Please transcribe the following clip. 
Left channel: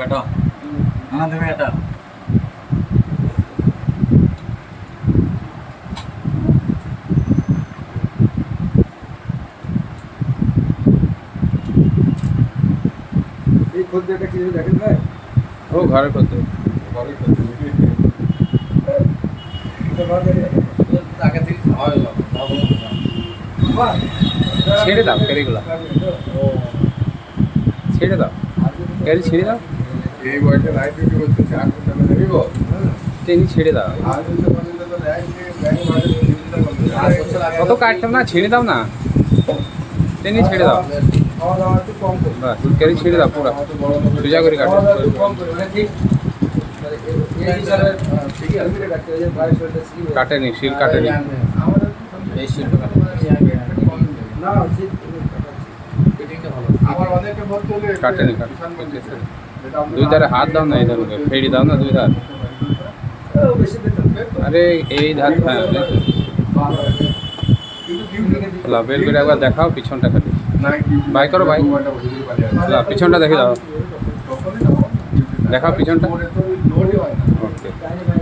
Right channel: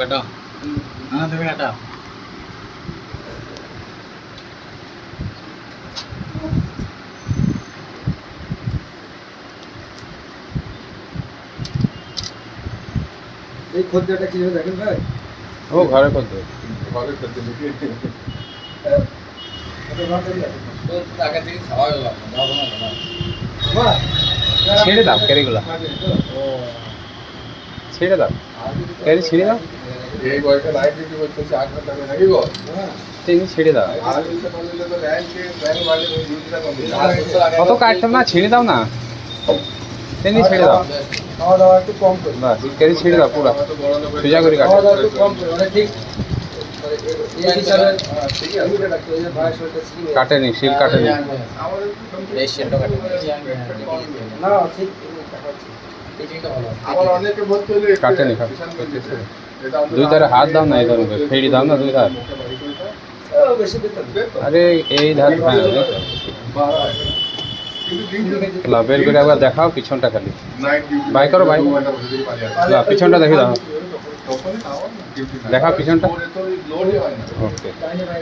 কাটো না তুমি কাটা এই খদ্দেরটা কি দেখেন ভাই? ও ঘরে করতে ওটা ঘর থেকে টাকা থেকে খাওয়া গেল বাহ, ছেড়ে দাও ক্যারিগুলো ছেড়ে দাও ক্যারি ছেড়ে দাও এই বয়সে লাইফ ডিউটি করতেছে 8 ঘন্টা করে থাকিব তেমনি ছেড়ে দাও আর যদি বললে তো ব্যাংক মাঝে ডিউটিটা কম কত কাটতাম না ছেড়ে দাও না তেমনি ছেড়ে দাও খাওয়া দাওয়া একটু কম করে, বাস ক্যারি ছেড়ে দাও পুরো সোজা করে কাটো খাওয়া দাওয়া একটু কম করে, মানে ঠিক মানে এই হিসাবে ঠিক আছে ডাক্তার এই ভাই শরীরটা ঠিক হয়ে কাটেনি শিল কাটেনি আমাদের এই শিলটা কাটে না ঠিক ফিটিংটা ভালো আবার অনেকে বলতে হলে কাটেনি, কিষান বলতেছে এটা আমরা দুই ধারে হাত দাও না এই ধার ফেড়ি দাও না দুই ধার বেশি বেতন আরে এই ধার হ্যাঁ এই তো। কিন্তু ডিউটি লা, বের করে একবার দেখাও পিছনটা খালি নাইট ডিউটি বাই করো, বাই। লা, পিছনটা দেখে দাও তখনই আমার ডিউটি দেখাও পিছনটা। লোডই হয় না ওকে তাই ভাই